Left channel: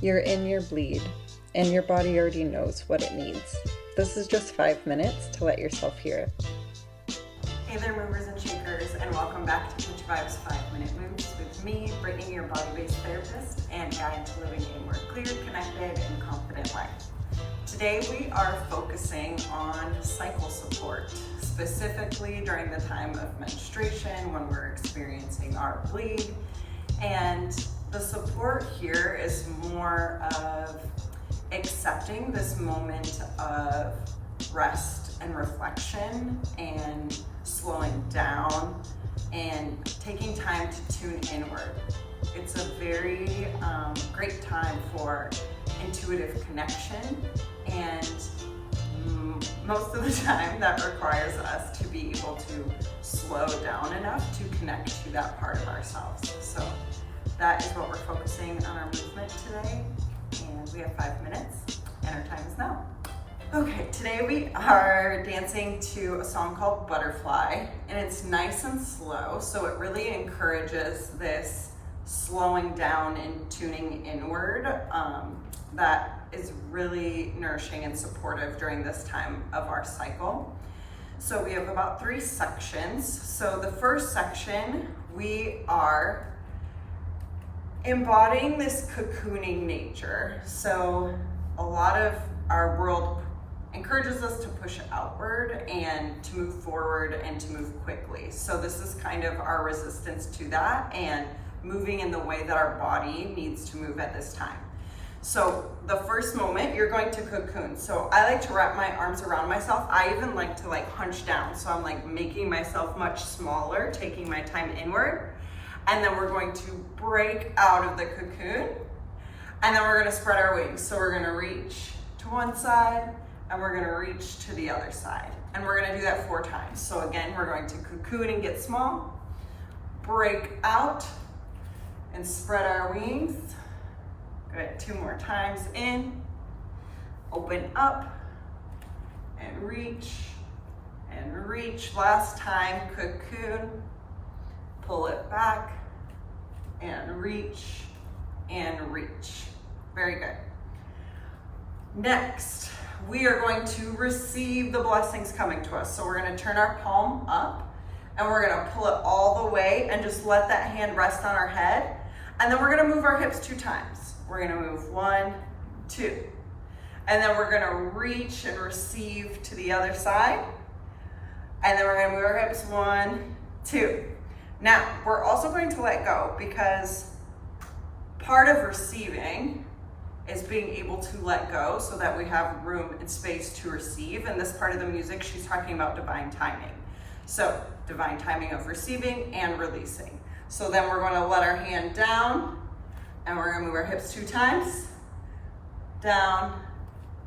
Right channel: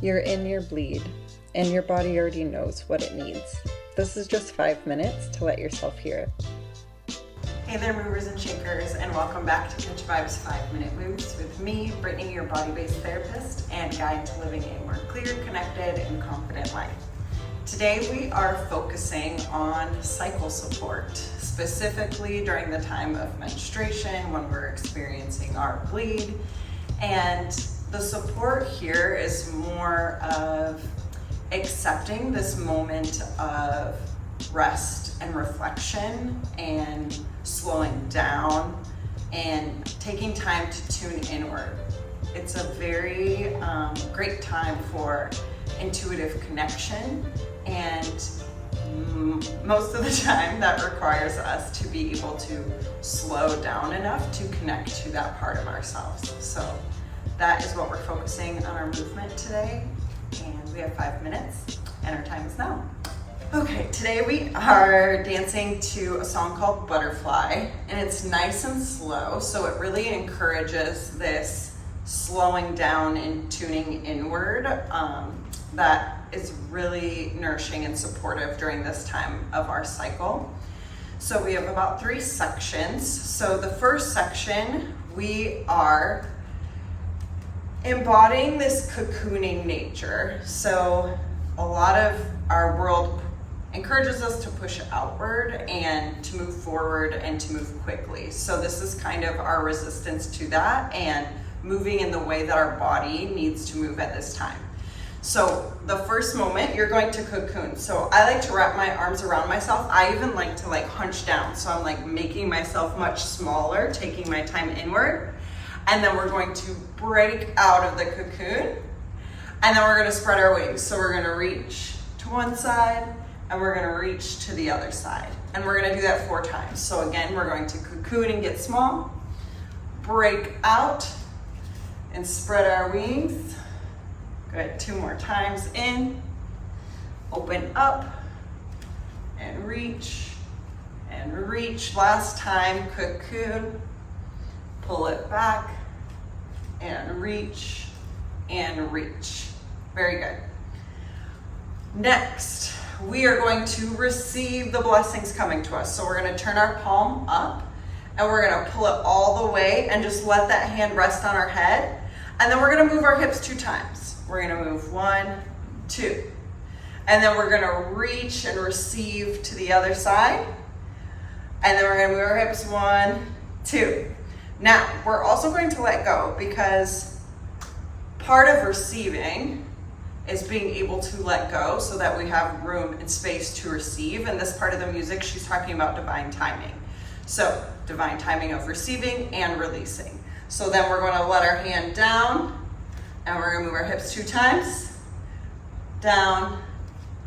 You're in your bleed, and your body already knows what it needs. This is just 5 minutes to let yourself hear it. Hey there, movers and shakers, and welcome back to Catch Vibes 5-Minute Moves with me, Brittany, your body-based therapist and guide to living a more clear, connected, and confident life. Today we are focusing on cycle support, specifically during the time of menstruation when we're experiencing our bleed. And the support here is more of accepting this moment of rest and reflection and slowing down and taking time to tune inward. It's a very great time for intuitive connection, and most of the time that requires us to be able to slow down enough to connect to that part of ourselves. So that is what we're focusing on our movement today, and we have 5 minutes and our time is now. Okay, today we are dancing to a song called Butterfly, and it's nice and slow, so it really encourages this slowing down and tuning inward that is really nourishing and supportive during this time of our cycle. So we have about 3 sections. So the first section, we are embodying this cocooning nature. So a lot of our world encourages us to push outward and to move forward and to move quickly. So this is kind of our resistance to that and moving in the way that our body needs to move at this time. So the first moment, you're going to cocoon. So I like to wrap my arms around myself. I even like to hunch down. So I'm making myself much smaller, taking my time inward. And then we're going to break out of the cocoon. And then we're gonna spread our wings. So we're gonna reach to one side and we're gonna reach to the other side. And we're gonna do that 4 times. So again, we're going to cocoon and get small, break out, and spread our wings. Good, 2 more times. In, open up, and reach, and reach. Last time, cocoon, pull it back, and reach, and reach. Very good. Next, we are going to receive the blessings coming to us. So we're gonna turn our palm up, and we're gonna pull it all the way and just let that hand rest on our head. And then we're gonna move our hips 2 times. We're gonna move 1, 2. And then we're gonna reach and receive to the other side. And then we're gonna move our hips 1, 2. Now, we're also going to let go because part of receiving is being able to let go so that we have room and space to receive. And this part of the music, she's talking about divine timing. So, divine timing of receiving and releasing. So then we're gonna let our hand down and we're gonna move our hips 2 times, down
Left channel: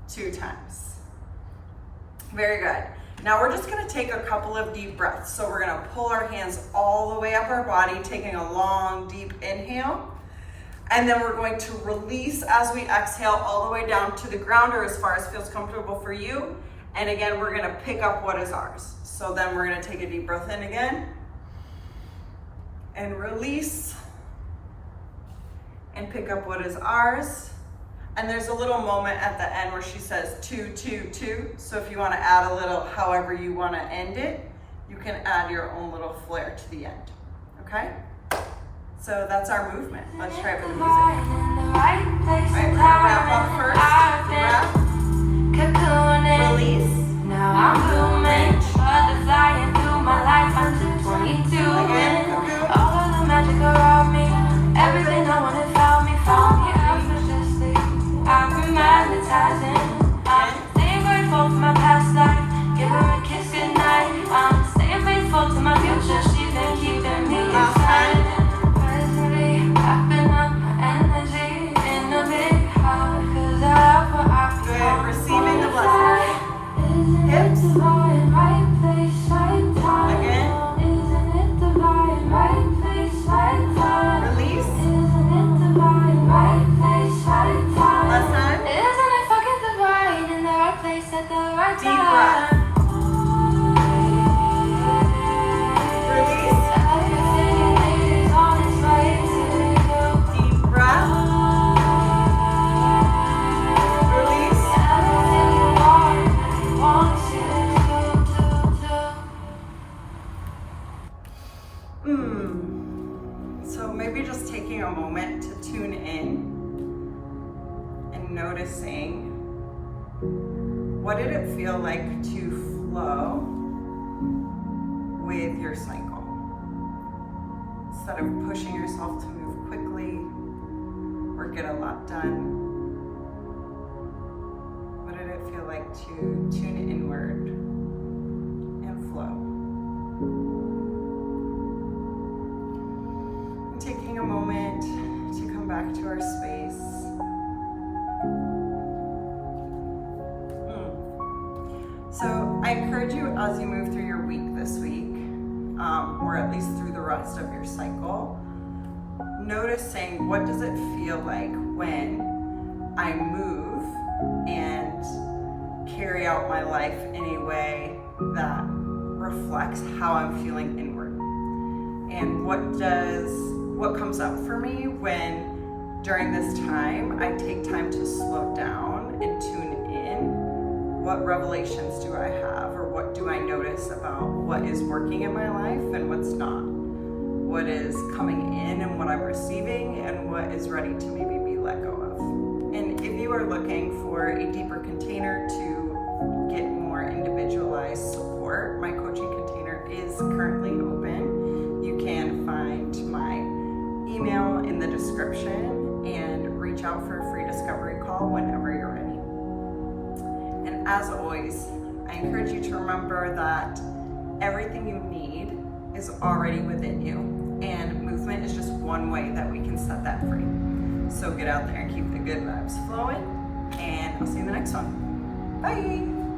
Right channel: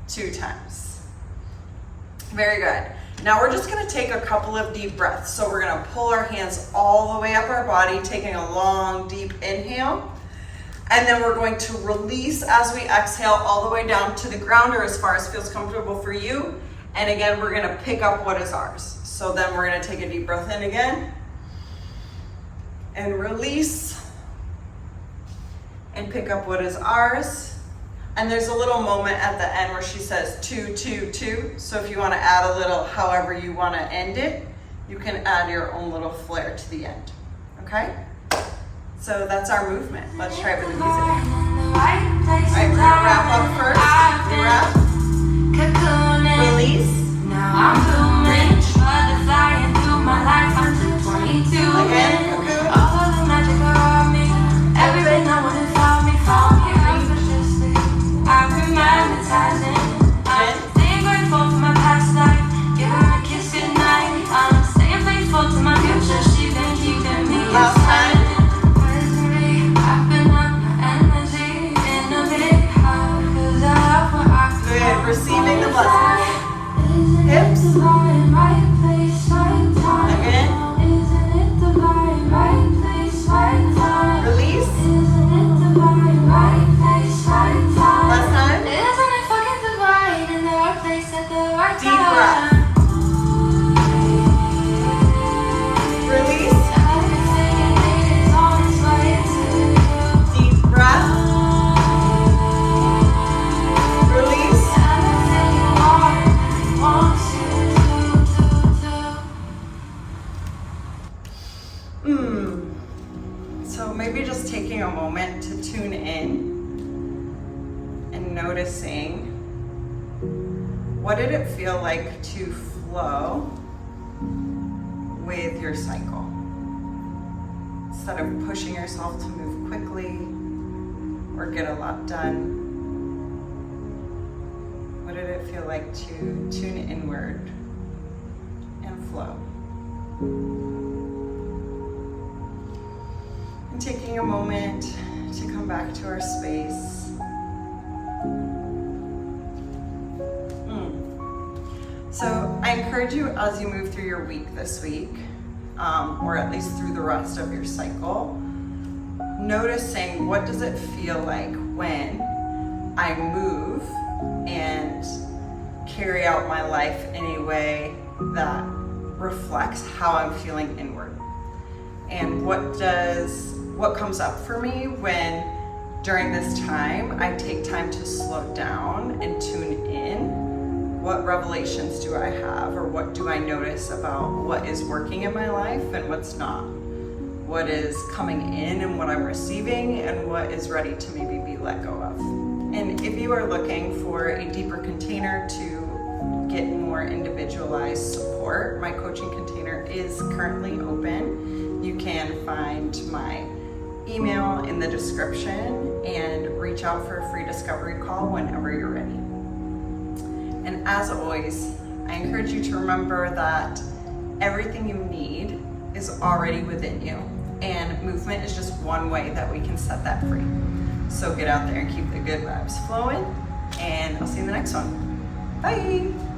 2 times. Very good. Now we're just gonna take a couple of deep breaths. So we're gonna pull our hands all the way up our body, taking a long, deep inhale. And then we're going to release as we exhale all the way down to the ground or as far as feels comfortable for you. And again, we're gonna pick up what is ours. So then we're gonna take a deep breath in again and release and pick up what is ours. And there's a little moment at the end where she says 2, 2, 2. So if you want to add a little, however you want to end it, you can add your own little flair to the end. Okay? So that's our movement. Let's try it with the music. All right, we're gonna wrap up first. We wrap, release, reach, again, cocoon, last time. Good, receiving the blessing. Hips. Again. Release. Last time. Deep breath. Release. Deep breath. noticing, what did it feel like to flow with your cycle? Instead of pushing yourself to move quickly or get a lot done, what did it feel like to tune inward and flow? And taking a moment to come back to our space. So I encourage you, as you move through your week this week, or at least through the rest of your cycle, noticing what does it feel like when I move and carry out my life in a way that reflects how I'm feeling inward. And what comes up for me when during this time I take time to slow down and tune in. What revelations do I have, or what do I notice about what is working in my life and what's not? What is coming in and what I'm receiving, and what is ready to maybe be let go of? And if you are looking for a deeper container to get more individualized support, my coaching container is currently open. You can find my email in the description and reach out for a free discovery call whenever you're ready. And as always, I encourage you to remember that everything you need is already within you, and movement is just one way that we can set that free. So get out there and keep the good vibes flowing, and I'll see you in the next one. Bye.